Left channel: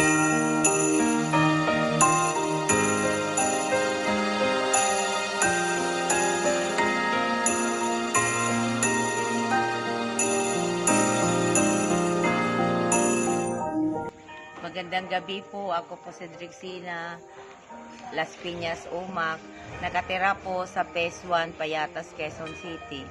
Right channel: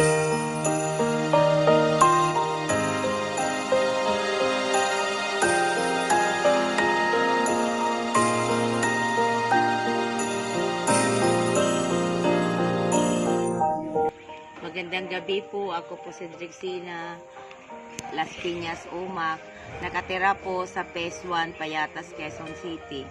Magandang gabi po. Ako po si Drixina Las Piñas, Umac. Nakatira po sa Phase 1, Payatas, Quezon City.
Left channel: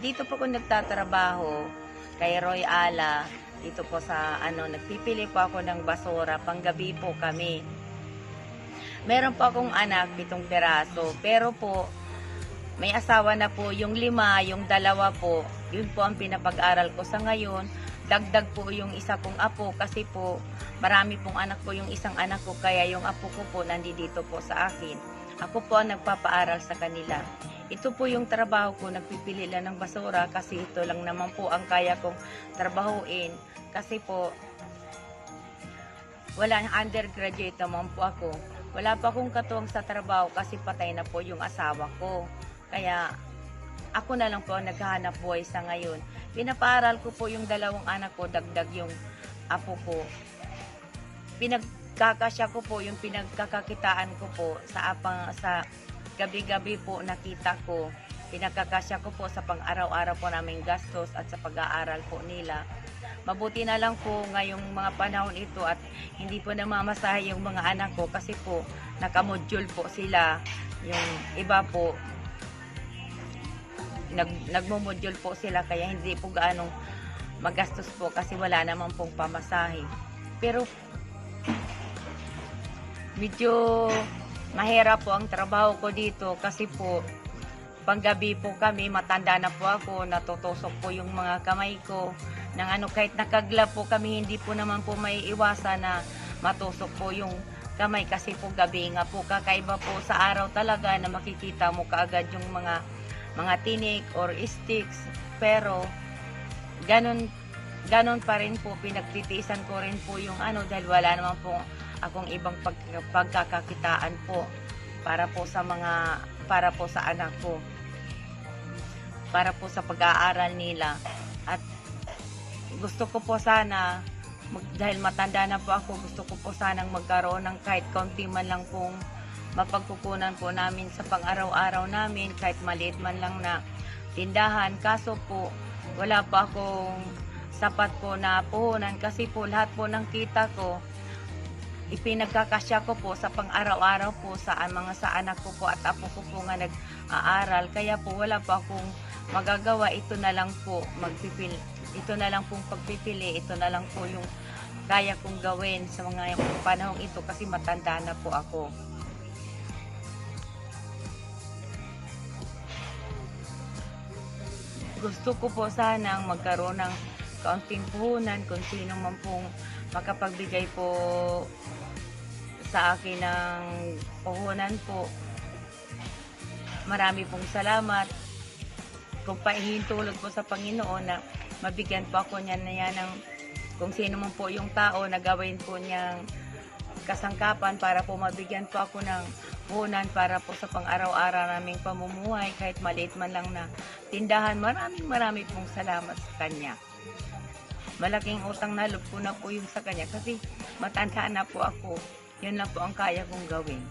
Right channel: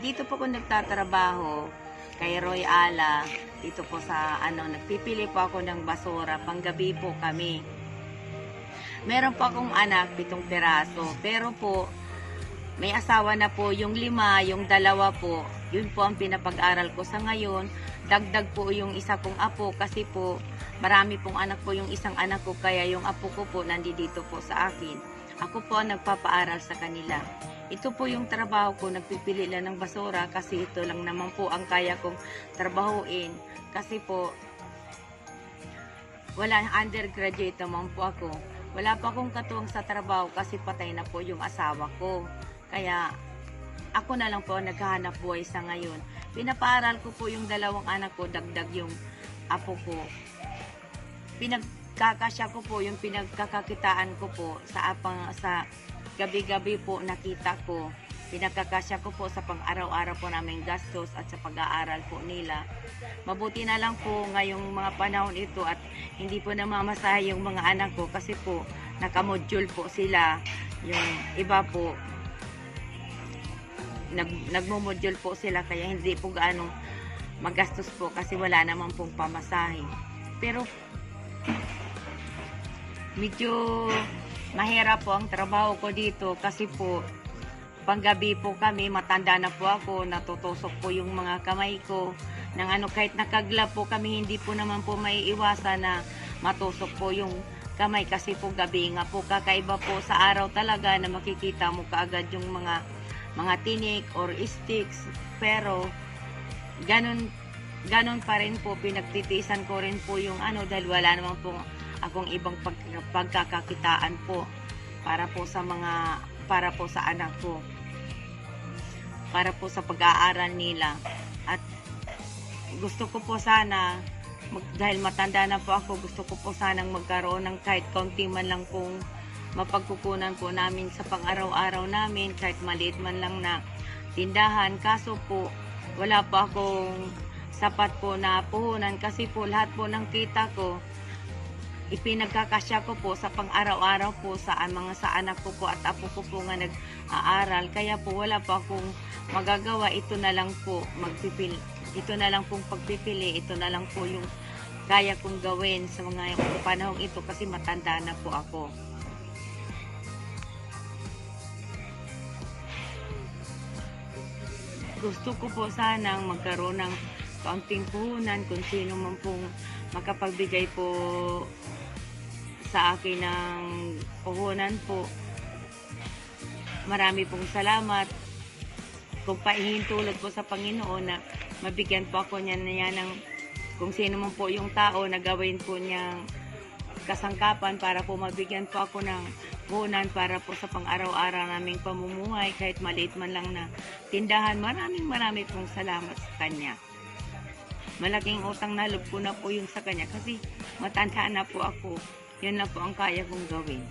Dito po ko nagtatrabaho kay Roy Ala. Dito po sa nagpipili po ako ng basura. Panggabi po kami. Meron po akong anak, 7 piraso. Pero po, may asawa na po yung 5, yung 2 po. Yun po ang pinapag-aral ko sa ngayon. Dagdag po yung isa kong apo kasi po marami pong anak po yung isang anak ko, kaya yung apo ko po nandito po sa akin. Ako po ang nagpapaaral sa kanila. Ito po yung trabaho ko, nagpipili lang ng basura kasi ito lang naman po ang kaya kong trabahuin. Kasi po wala, undergraduate naman po ako. Wala pa akong katuwang sa trabaho kasi patay na po yung asawa ko. Kaya ako na lang po ang naghahanap buhay sa ngayon. Pinapaaral ko po yung 2 anak ko, dagdag yung apo ko. Pinagkakasya ko po yung pinagkakakitaan ko po sa gabi-gabi po nakita ko. Pinagkakasya ko po sa pang-araw-araw po naming gastos at sa pag-aaral po nila. Mabuti na lang po ngayong mga panahon ito at hindi po namamasahe yung mga anak ko kasi po nakamodule po sila. Yung iba po nagmo-module po sila kaya hindi po gaano magastos po kasi wala naman pong pamasahe. Pero medyo mahirap po ang trabaho ko dito kasi po panggabi po kami, matanda na po ako, natutusok po yung mga kamay ko ng kahit nakaglab po kami, hindi po naman po maiiwasan na matusok po yung kamay kasi po gabi nga po, kakaiba po sa araw talaga na makikita mo kaagad yung mga tinik or sticks, pero ganun pa rin po, pinagtitiisan ko rin po yung dahil wala naman po akong ibang pagkakakitaan po para po sa anak ko, para po sa pag-aaral nila. At gusto ko po sana, dahil matanda na po ako, gusto ko po sanang magkaroon ng kahit kaunti man lang pong mapagkukunan po namin sa pang-araw-araw namin, kahit maliit man lang na tindahan. Kaso po wala pa akong sapat po na puhunan kasi po lahat po ng kita ko ipinagkakasya ko po sa pang-araw-araw po sa anak ko po at apo ko po nga nag-aaral, kaya po wala pa akong magagawa. Ito na lang po ito na lang pong pagpipili, ito na lang po yung kaya kong gawin sa mga panahong ito kasi matanda na po ako. Gusto ko po sanang magkaroon ng kaunting puhunan kung sino man pong makapagbigay po sa akin ng puhunan po. Marami pong salamat. Kung paihintulot po sa Panginoon na mabigyan po ako niyan ng kung sino man po yung tao na gawin po niyang kasangkapan para po mabigyan po ako ng puhunan para po sa pang-araw-araw naming pamumuhay, kahit maliit man lang na tindahan. Marami pong salamat sa kanya. Malaking utang na loob ko na po yung sa kanya kasi matanda na po ako. Yun lang po ang kaya kong gawin.